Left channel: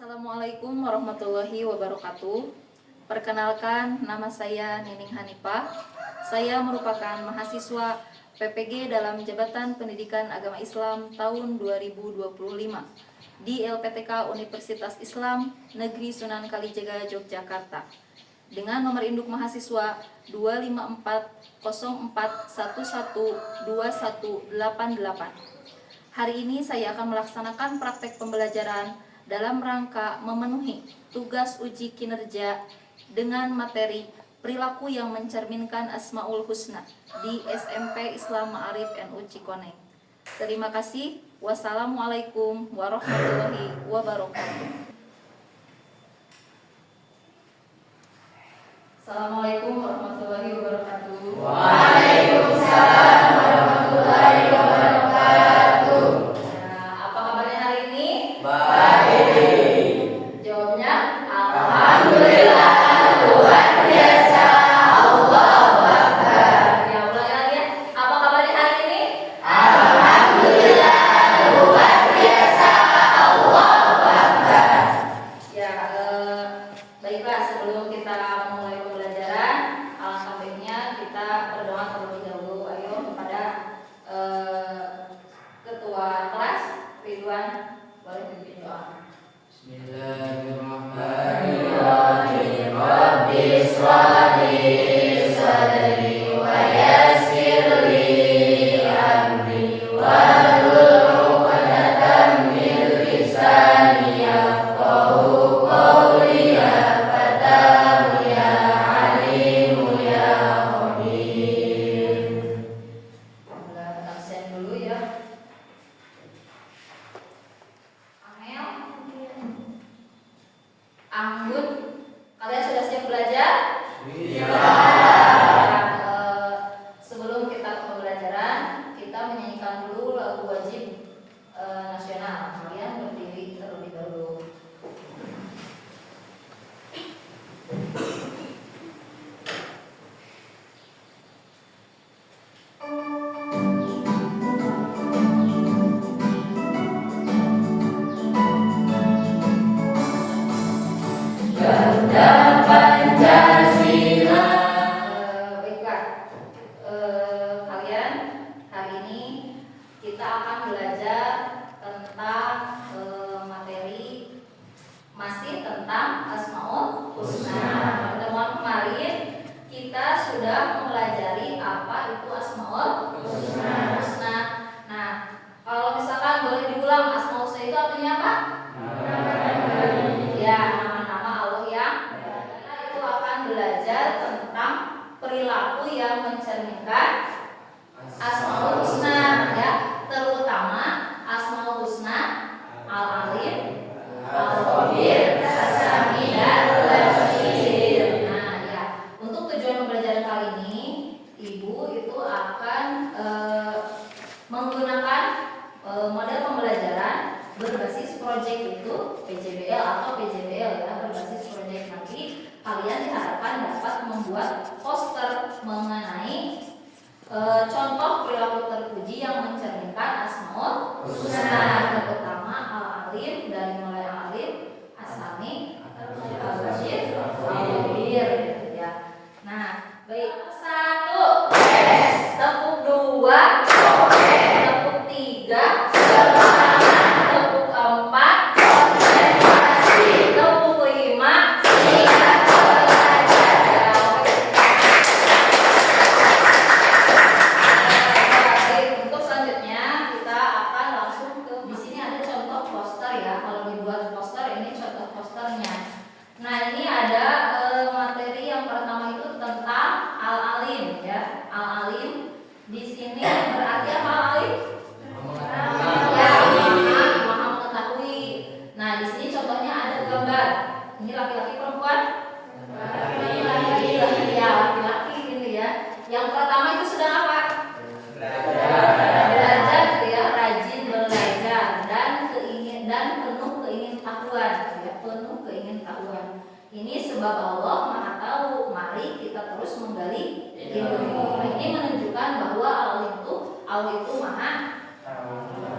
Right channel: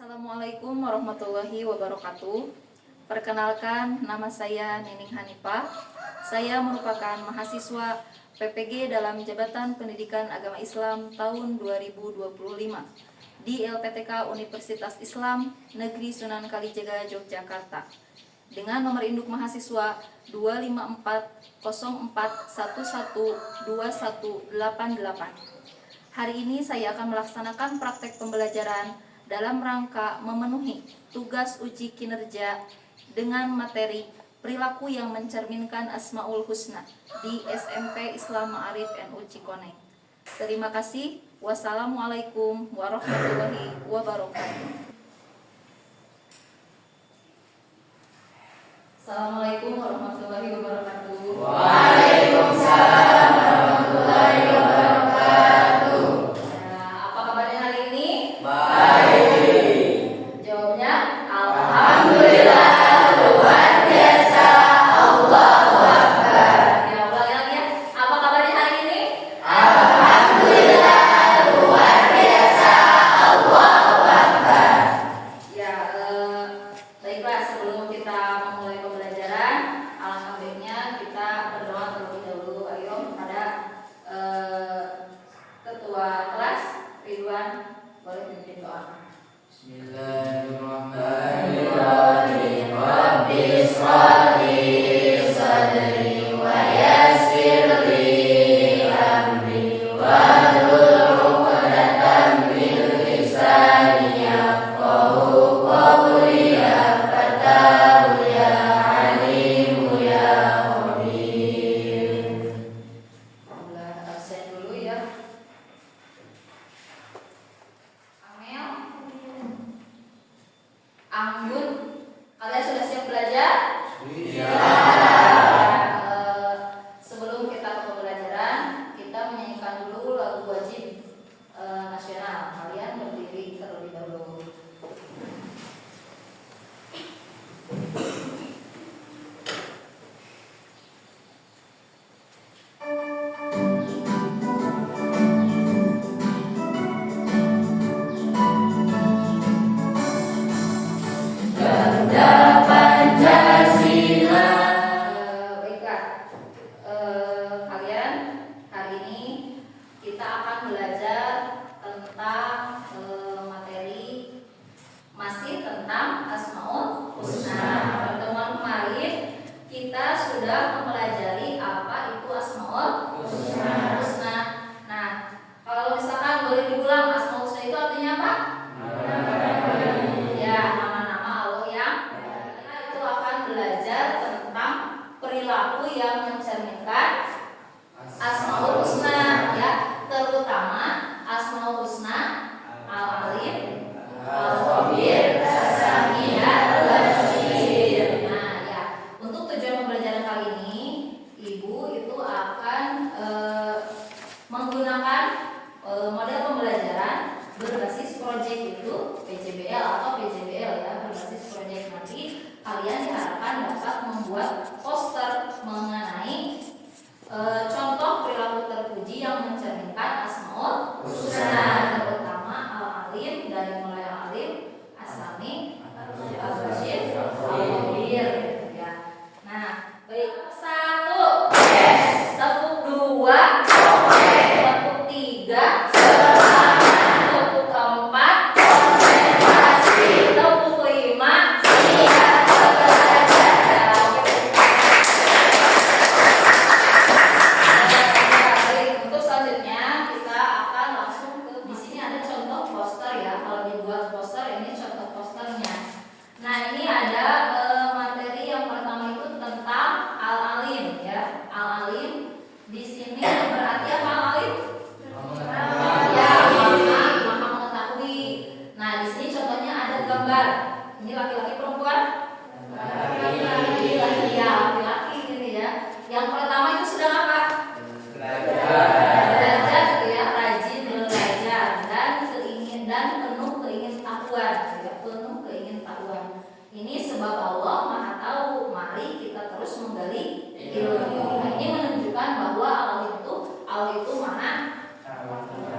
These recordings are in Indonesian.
Assalamualaikum warahmatullahi wabarakatuh. Perkenalkan, nama saya Nining Hanifah. Saya merupakan mahasiswa PPG dalam Jabatan Pendidikan Agama Islam tahun 2025 di LPTK Universitas Islam Negeri Sunan Kalijaga, Yogyakarta. Dengan nomor induk mahasiswa 25404112188. Hari ini saya akan melaksanakan praktek pembelajaran dalam rangka memenuhi tugas uji kinerja dengan materi perilaku yang mencerminkan Asmaul Husna di SMP Islam Ma'arif NU Cikoneng. Terima kasih. Wassalamualaikum warahmatullahi wabarakatuh. Assalamualaikum warahmatullahi wabarakatuh. Waalaikumsalam warahmatullahi wabarakatuh. Apa kabarnya hari ini? Baik. Jawabnya Alhamdulillah, luar biasa. Allahu Akbar. Ya, ulangi lagi ya. Apa kabarnya hari ini? Alhamdulillah, luar biasa. Allahu Akbar. Ya, baiklah, sebelum kita memulai pembelajaran, alangkah baiknya kita berdoa terlebih dahulu. Ayo kepada ketua kelas Ridwan, boleh pimpin doa. Bismillahirrahmanirrahim. Rabbi shrah li sadri wa yassir li amri wahlul 'uqdatam min lisani yafqahu qawli. Ya Fatahu ya Alimu ya Khabir. Mulai absen dulu ya. Amel, Anggun, kalian sudah siap belajar? Iya. Sebelum kita ke pembelajaran, kita menyanyikan dulu lagu wajib nasional. Kalian berdiri terlebih dahulu. Bendera Pancasila. Baiklah, kalian hari ini kita akan belajar tentang materi masih tentang Asmaul Husna. Pertemuan kemarin kita sudah mempelajari apa itu Asmaul Husna. Nah, kalau misalkan boleh diulang, Asmaul Husna itu artinya apa? Ya, nama-nama Allah yang kita itu akan belajar tentang perilaku yang mencerminkan Asmaul Husna, ya, terutama Asmaul Husna Al-Alim, Al-Khabir, As-Sami', Al-Basir. Nah, ya, untuk tujuan pembelajaran kali ini, Ibu itu akan menggunakan model pembelajaran berbasis proyek, itu PJBL atau PJBL, ya, berbasis proyek. Nanti kalian diharapkan dapat membuat poster mengenai contoh perilaku terpuji yang mencerminkan Asmaul Husna, terutama Al-Alim, dari mulai Al-Alim, As-Sami', Al-Basir, Al-Khabir, ya. Nah, baik, 1 tepuk, 2 tepuk, 3 tepuk, 4 tepuk, 5 Untuk selanjutnya kita akan langsung ke, di sini ada contoh poster, ya. Kalau dibuat poster, ini contoh posternya. Nah, ini ada materi yang pertama itu tentang Al-Alim, ya. Al-Alim di sini berarti apa Al-Alim? Ya, maha mengetahui. Nah, di sini contohnya ada gambar. Ini laki-laki perempuan? Laki-laki, ya, laki-laki gitu ya. Yang pertama itu sedang apa? Belajar, gitu ya, rajin belajar dan penuh keingintahuan, ya, penuh keingintahuan. Ini sebab Allah Maha Tahu. Mari kita terus menggali ilmu. Nah, ini menunjukkan bahwa Allah itu Maha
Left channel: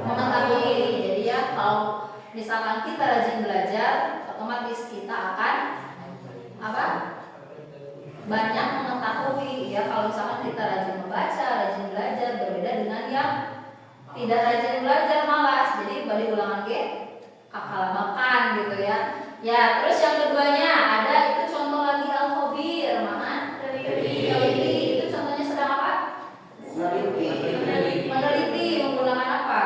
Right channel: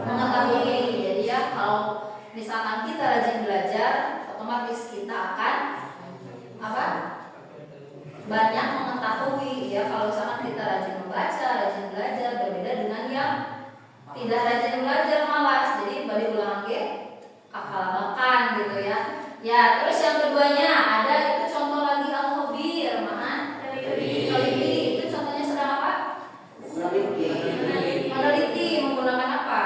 mengetahui. Jadi ya, kalau misalkan kita rajin belajar, otomatis kita akan apa? Banyak mengetahui ya. Kalau misalkan kita rajin membaca, rajin belajar, berbeda dengan yang tidak rajin belajar, malas. Jadi balik ulangan ke kakalabakan gitu ya. Ya, terus yang keduanya ada itu contoh lagi al-khabir, mana? Teliti. Itu contohnya sedang apa? Meneliti menggunakan apa?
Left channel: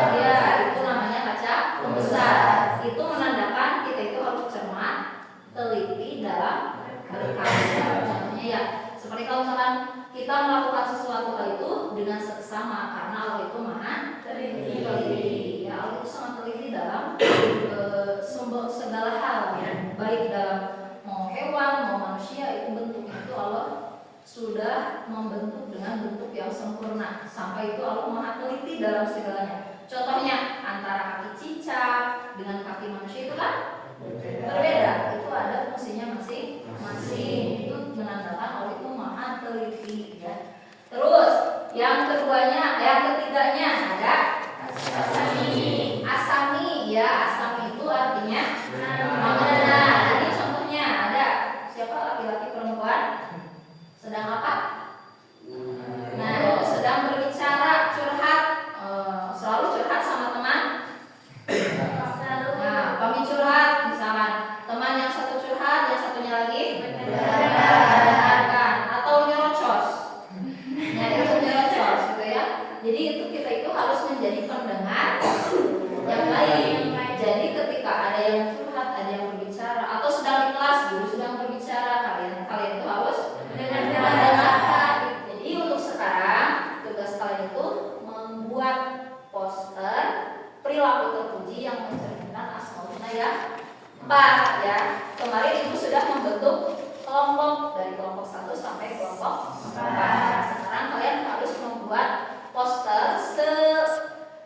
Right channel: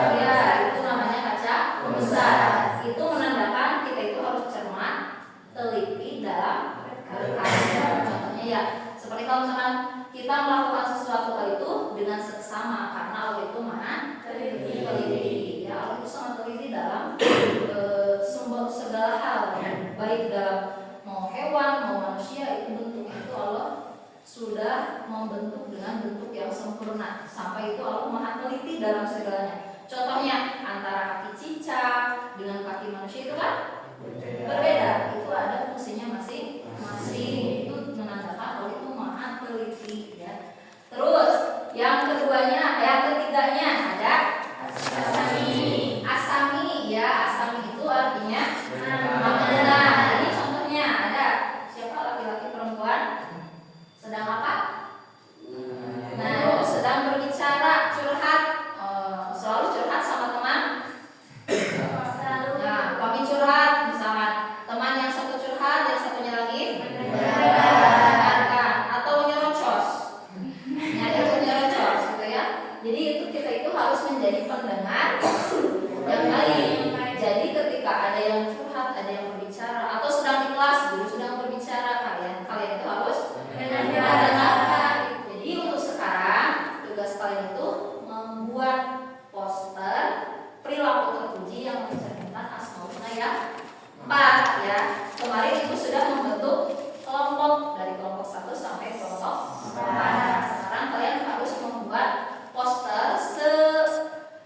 Ya, itu namanya kaca pembesar. Itu menandakan kita itu harus cermat, teliti dalam berkarya. Contohnya ya, seperti kalau misalkan kita melakukan sesuatu hal itu dengan seksama, karena Allah itu maha teliti. Ya, Allah itu sangat teliti dalam sumber segala hal, baik dalam mau hewan, mau manusia, itu bentuknya itu Allah sudah membentuk dengan bentuk yang sempurna. Sampai itu Allah maha teliti dalam segalanya. Contohnya antara kaki cicak dengan kaki manusia itu kan berbeda. Itu ada fungsinya masing-masing. Itu menandakan Allah itu maha teliti ya. Terus yang ketiganya ada asami. Asami ya, asami itu artinya mengenal. Ini contohnya ada siapa, laki-laki perempuan sedang apa? Nah, sedang berbicara, curhat, selalu curhat sama teman. Nah, kami curhat, misalkan teman yang satu curhat, yang satunya lagi mendengarkan atau nyerocos. Nyerocos gitu ya. Jadi kita itu harus menjadi pendengar yang baik. Jadi ketika ada yang curhat, ada yang berbicara, atau sedang di kelas guru sedang berbicara, kalian itu harus mendengarkan. Jadi untuk sekarang tugas kalian itu membuat poster perilaku terpuji yang mencerminkan asmaul husna yang 4 ya. Kemarin itu sudah membentuk kelompok dari kelompok 1 sampai kelompok 4. Sekarang kalian harus membuat poster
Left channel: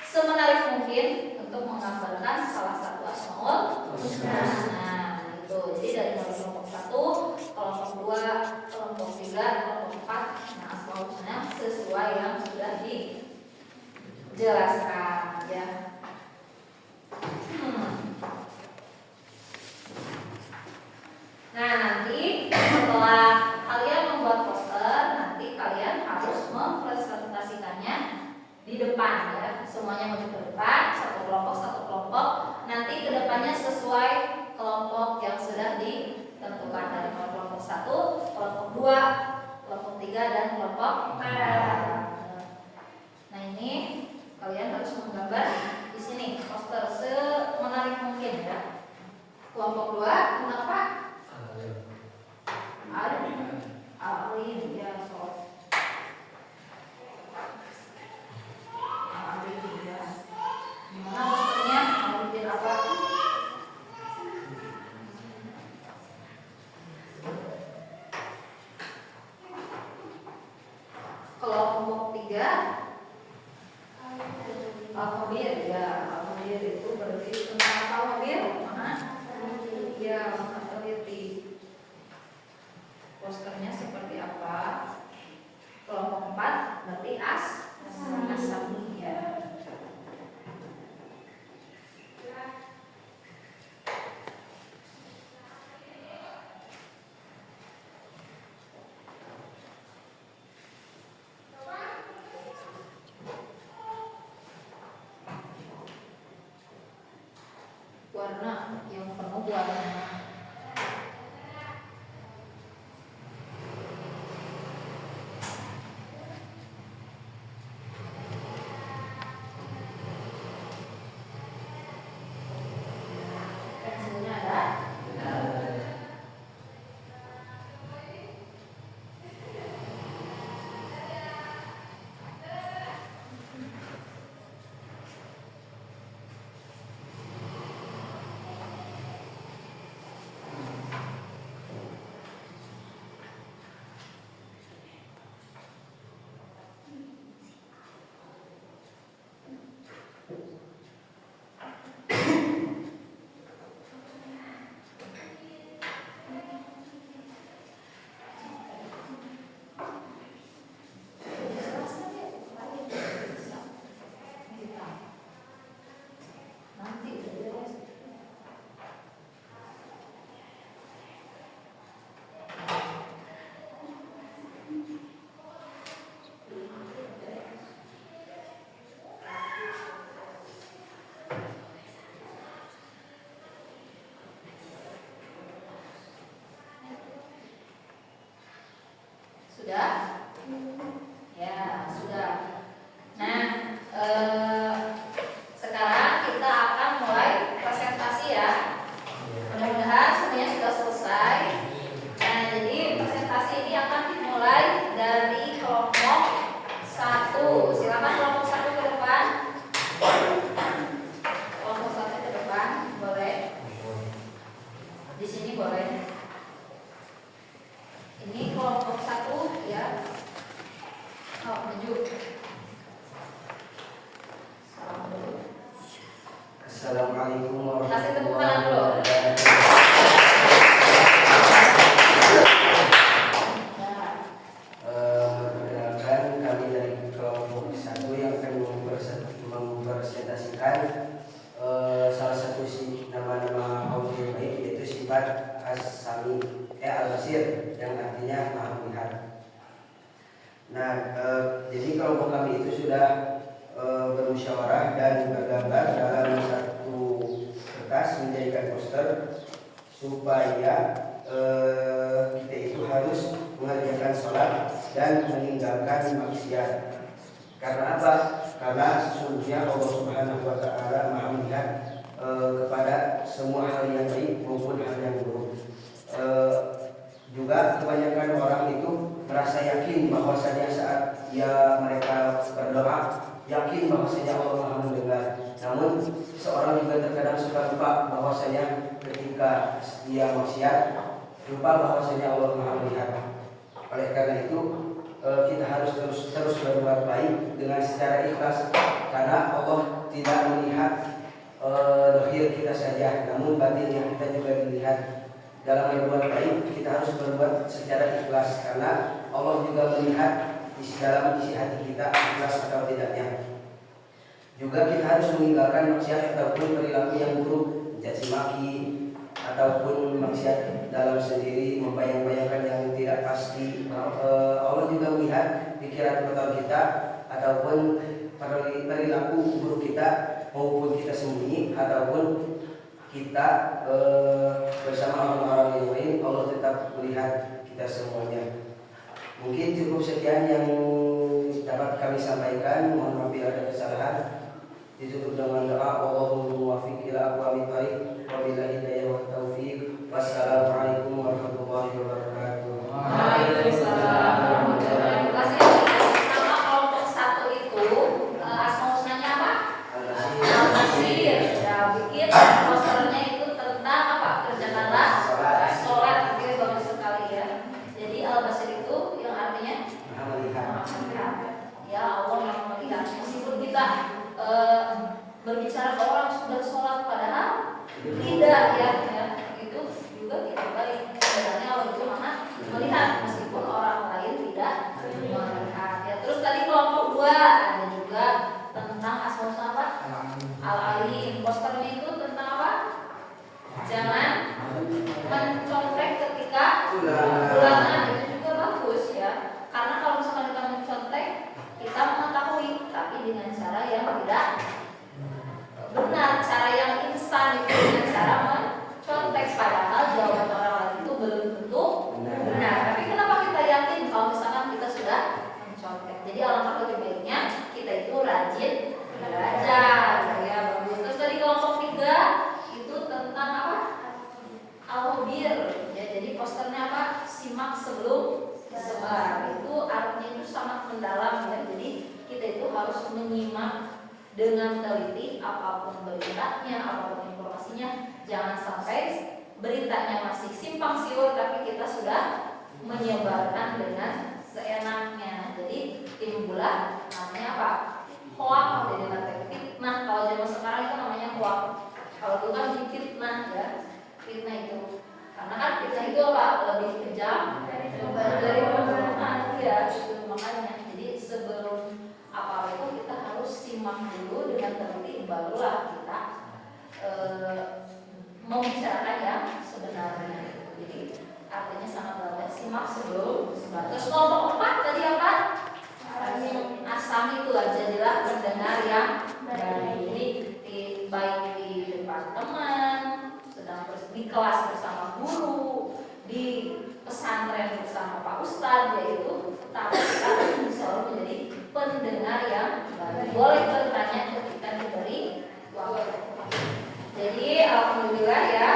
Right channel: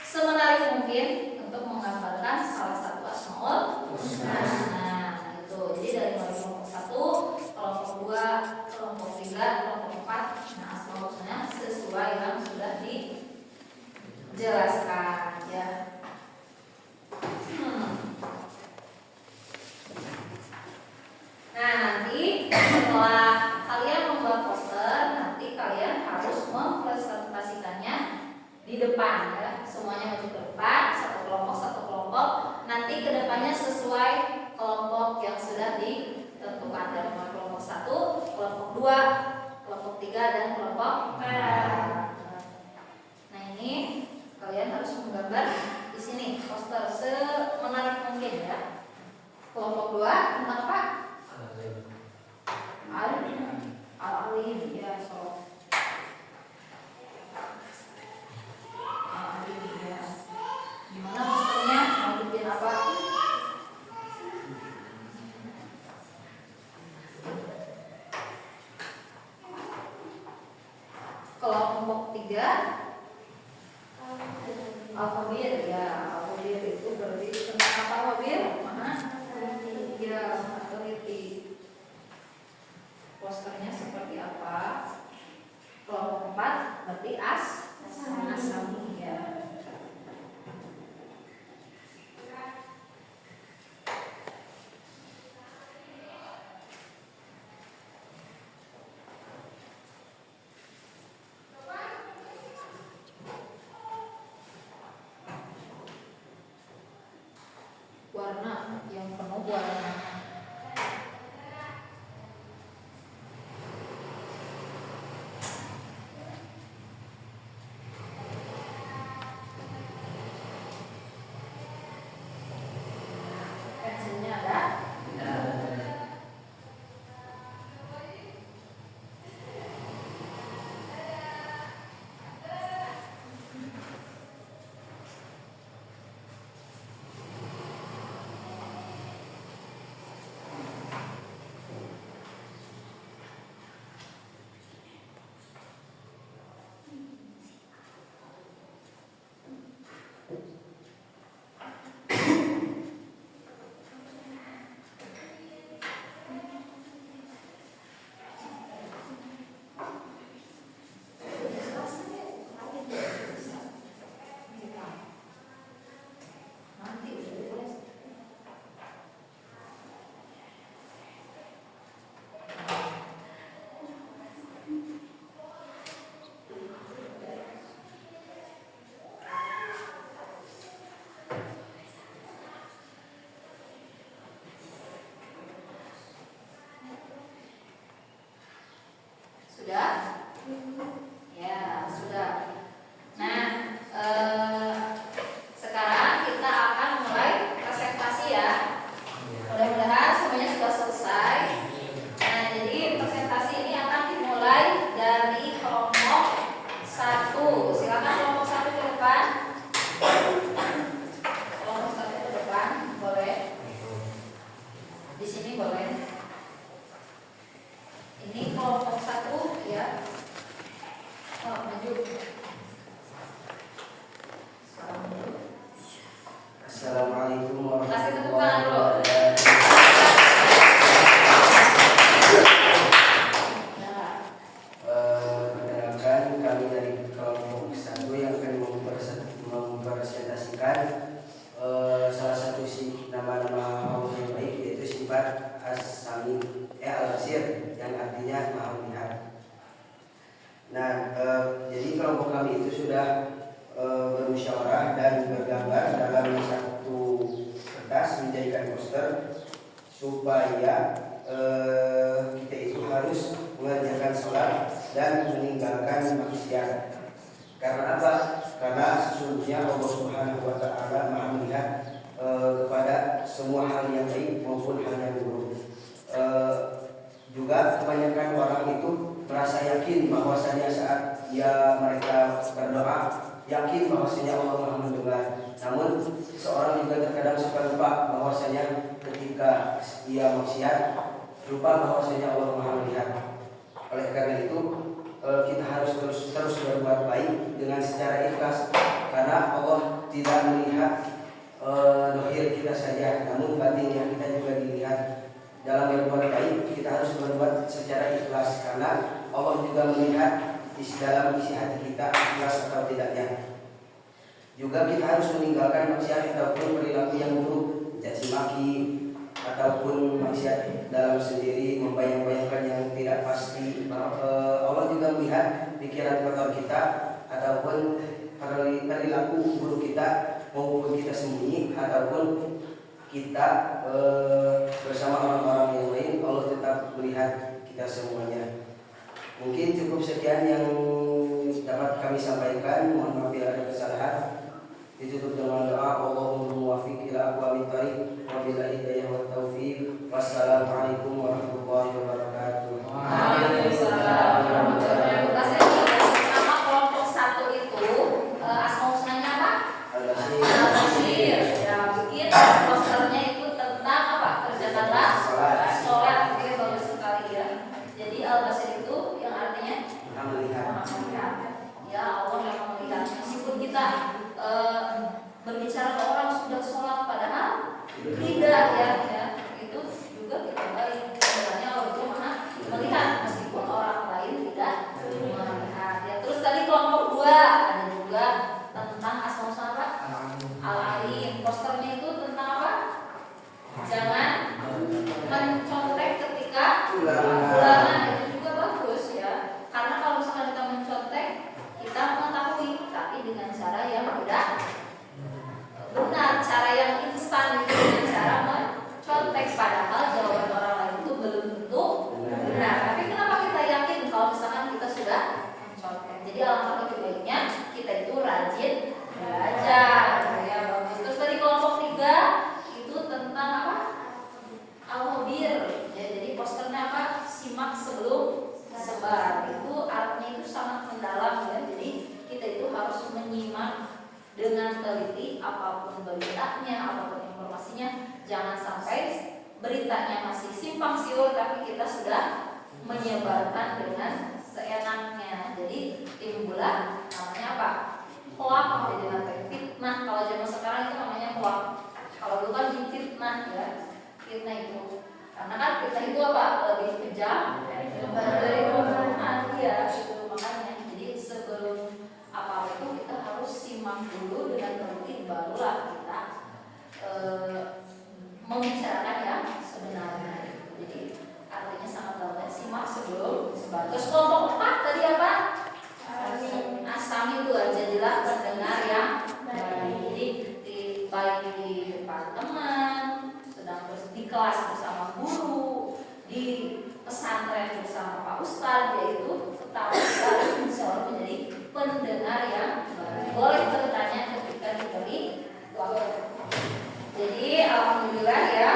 semenarik mungkin untuk menggambarkan salah satu asmaul husna. Nah, itu. Jadi dari mulai kelompok 1, kelompok 2, kelompok 3, kelompok 4. Nah, asmaul husna sesuai yang sudah dijelaskan ya. Nah, nanti setelah kalian membuat poster, nanti kalian harus mempresentasikannya di depan ya. Semuanya maju ke depan, satu kelompok. Nanti kedepannya sesuai kelompok yang sudah ditentukan dari kelompok 1, kelompok 2, kelompok 3 dan kelompok 4. Nah, ini kalian harus menggambar di sini poster semenarik mungkin ya. Kelompok 2 tentang apa? Alim ya, so. Alim ya. Gimana posternya? Mau bikin apa? Kelompok 3 al-khabir ya. Al-khabir itu berarti tentang apa al-khabir? Mana? Ya, teliti. Posternya seperti apa? Kelompok 4 berarti asami ya. Warna yang penuh warna. maju. Assalamualaikum Kasih tepuk warahmatullahi tangan dulu. wabarakatuh. Perkenalkan, kami dari kelompok 1 yang akan mempresentasikan salah satu nama-nama Allah yang baik, yaitu sifat As-Sami Al-Basir, yang artinya Maha Melihat. Nah, jadi kelompok kami itu sudah bermusyawarah dan bergambar dalam satu kertas, menjadikan poster supaya kita itu harus mengerjakan sholat dan meninggalkan maksiat. Karena apa? Karena sesungguhnya Allah Subhanahu wa Ta'ala Maha Melihat kepada semua hal yang baik maupun hal yang buruk. Juga kebanyakan orang itu merasa yakin bahwasanya saat mereka berdoa, yakin bahwasanya Allah Maha mendengar. Namun seorang juga terkadang suka lupa bahwasanya ketika dia maksiat, lupa bahwasanya Allah Maha melihat. Oleh karena itu kita harus terus berbuat baik dengan secara ikhlas, karena Allah tidak melihat dohir kita saja, namun batin yang kita juga dilihat. Dalam berbuat baik kita harus berbuat secara ikhlas, karena Allah juga melihat dalam isi hati kita ikhlas atau tidaknya. Juga kita harus meninggalkan maksiat ataupun perilaku yang buruk, caci maki ataupun maksiat dalam sendiri, membayang-bayangkan yang tidak pasti. Allah juga melihat pikiran kotor kita ataupun perilaku buruk kita, maupun kita sembunyi ataupun kita bersama orang-orang yang lain. Allah tetap melihat kita semuanya. Mungkin cukup sekian yang dapat kami sampaikan. Mohon maaf bila ada kesalahan. Ditutup dengan doa, Allahumma muwaffiq ila aqwamit thariq wa billahi hidayah wa taufiq. Wassalamualaikum warahmatullahi wabarakatuh. Waalaikumsalam warahmatullahi wabarakatuh. Sama kelompok 1 itu asma husnanya apa? Al-Basir. Ya, bikin posternya itu tentang apa? Kerjakanlah sholat. Oke, bagus sekali ya. Jadi Al-Basir itu yang artinya Maha melihat. Ya, Allah yang melihat. Meskipun kita berbicara ke orang sudah sholat, padahal tidak ya, itu juga tidak baik. Sebenarnya Allah itu Maha melihat meskipun orang lain tidak melihat. Ya, terus tadi kelompok 2 ada juga tentang asma apa? Al-Alim. Posternya itu tentang apa? Jangan mencontek ketika ulangan. Itu juga bagus ya. Karena kalau misalnya kita mencontek, kita mengetahui, tapi dengan cara yang tidak benar, cara yang instan, itu dengan cara mencontek, padahal jawaban orang lain itu belum tentu benar. Tapi kenapa kita yakin kalau misalkan kita sudah mencontek? Jadi alangkah lebih baiknya kita itu rajin belajar ya, bagus. Terus dari kelompok 3 itu tentang apa? Al-Mubir ya, jadi posternya apa? Simak sebelum sebar. Itu artinya itu sangat mendalam ya. Jadi kita itu harus menyimak dengan teliti apapun beritanya, apapun informasinya. Jangan sampai beritanya masih simpang siur tapi kita sudah menyebarkan dengan seenaknya. Jadi timbullah namanya apa? Hoak, jadi nanti fitnah. Kalau zaman sekarang itu namanya hoak. Kalau dulu kan fitnah ya. Fitnah itu karena kan fitnah itu apa? Lebih kejam dari pembunuhan ya, itu makanya. Jadi sebelum apa itu kita harus simak dulu dengan teliti, barulah kita membicarakan yang sebenarnya. Jadi artinya sangat banyak, simak sebelum sebar. Terus kelompok 4 tadi apa? Asam itu jadilah pendengar yang baik. Jadi baik di depan teman, sedang di kelas bersama guru, di pesantren bersama Pak Ustadz, yaitu kita selalu menjadi pendengar yang baik. Boleh bertanya ketika diberi waktu. Jadi alhamdulillah ya,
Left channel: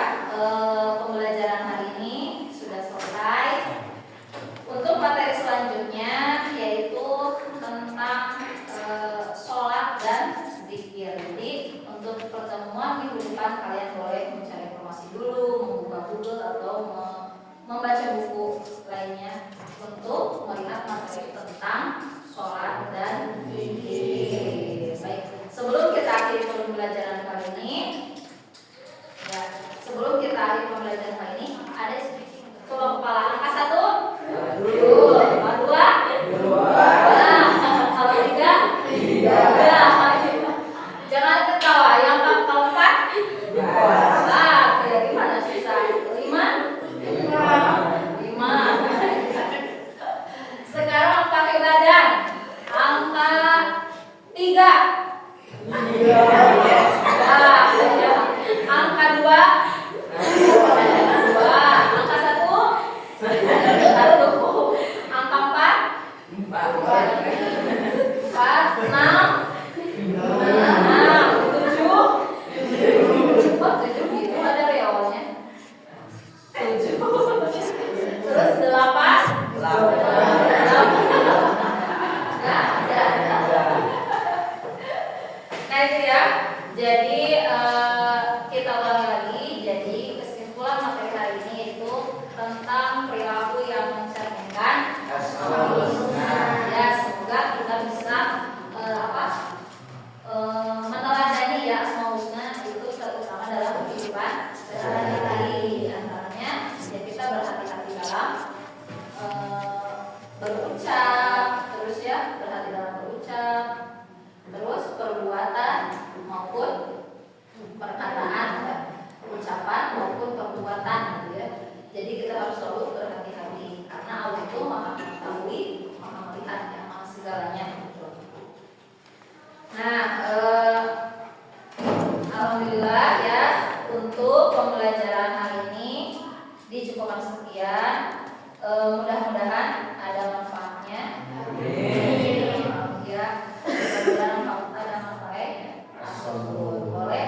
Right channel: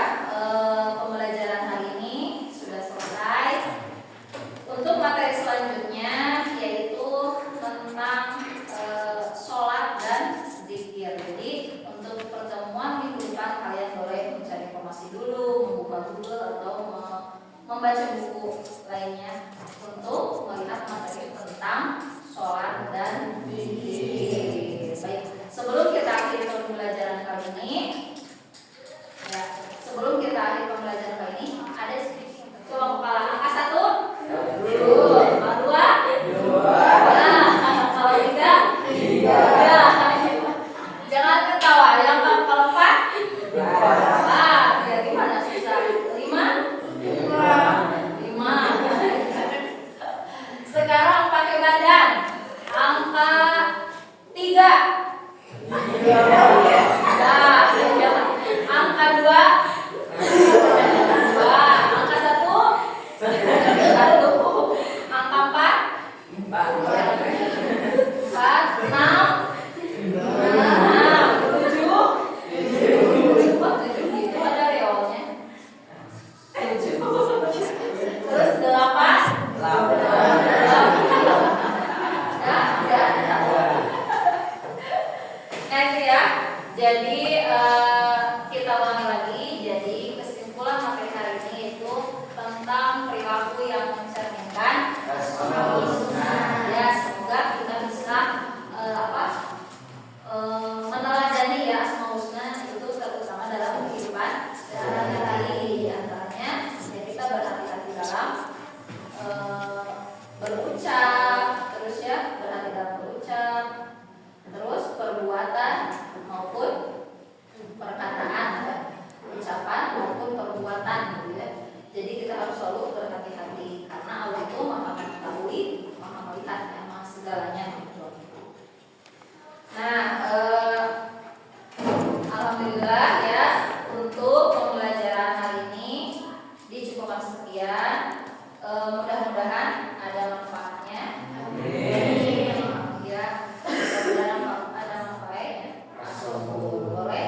pembelajaran hari ini sudah selesai. Untuk materi selanjutnya yaitu tentang sholat dan zikir. Jadi untuk pertemuan minggu depan kalian boleh mencari informasi dulu, membuka Google atau membaca buku lainnya untuk melihat materi tentang sholat dan Empat, enam, enam, tujuh, empat, tujuh gitu ada ya awalnya. Tujuh, terus delapan, Nah itu ya. Jadi kita ulangi lagi. Jadi kesimpulan materi hari ini itu tentang perilaku yang mencerminkan asmaul husna. Ya, semoga kita bisa meneladani ya asmaul husna itu terutama dalam kehidupan sehari-hari. Di antaranya ya kita berhati-hati dalam berucap, terus ya berhati dalam berucap, terus perbuatan maupun perkataan, ya, ucapan maupun perbuatan, gitu ya. Jadi kita harus selalu berhati-hati karena Allah itu maha mengetahui, maha melihat yang maha segalanya. Gitu. Nah, alhamdulillah ya untuk pembelajaran hari ini dicukupkan sekian. Mudah-mudahan ada manfaatnya. Ya, mudah-mudahan ada manfaatnya. Boleh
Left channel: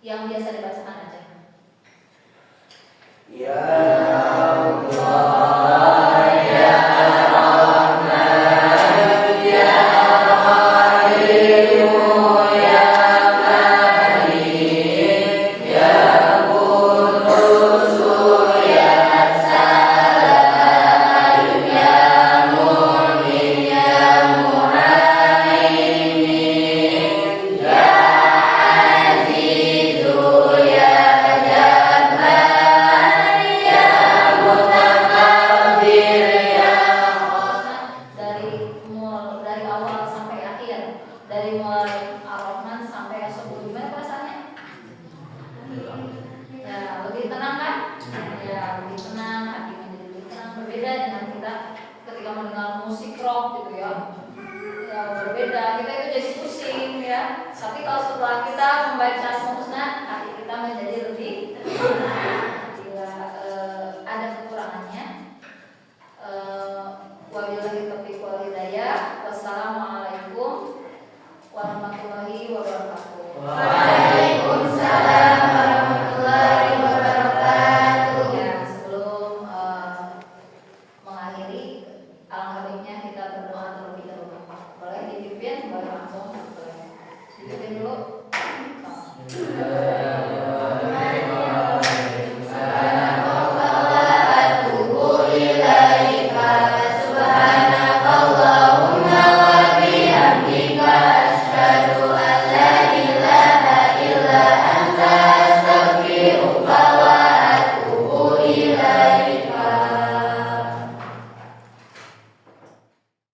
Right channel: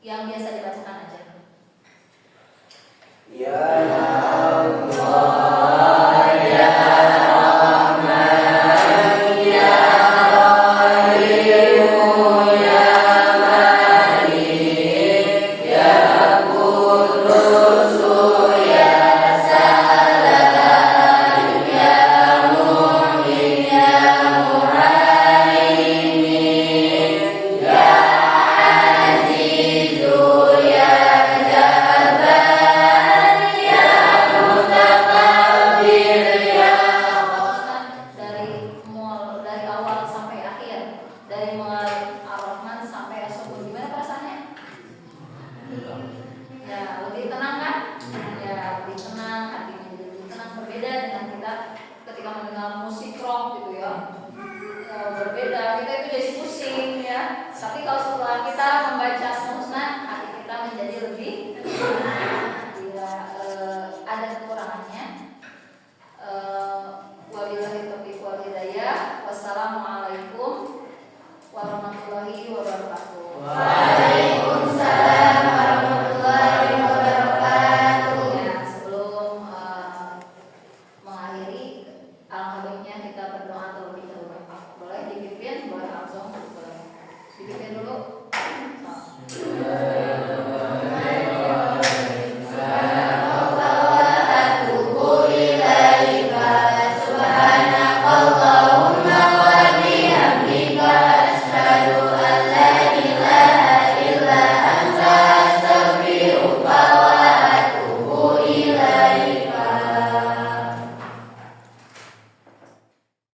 yang biasa dibacakan aja. Ya dari awal sampai akhir, dari mulai Ar-Rahman sampai As-Sabur, gimana perasaannya? Ya lebih tenang kan? Ya lebih tenang, hatinya jadi lebih tenang. Berbeda dengan kita ketika mendengar musik rock gitu ya. Berbeda, kita itu jadi pusing ya. Tapi kalau setelah kita membaca semua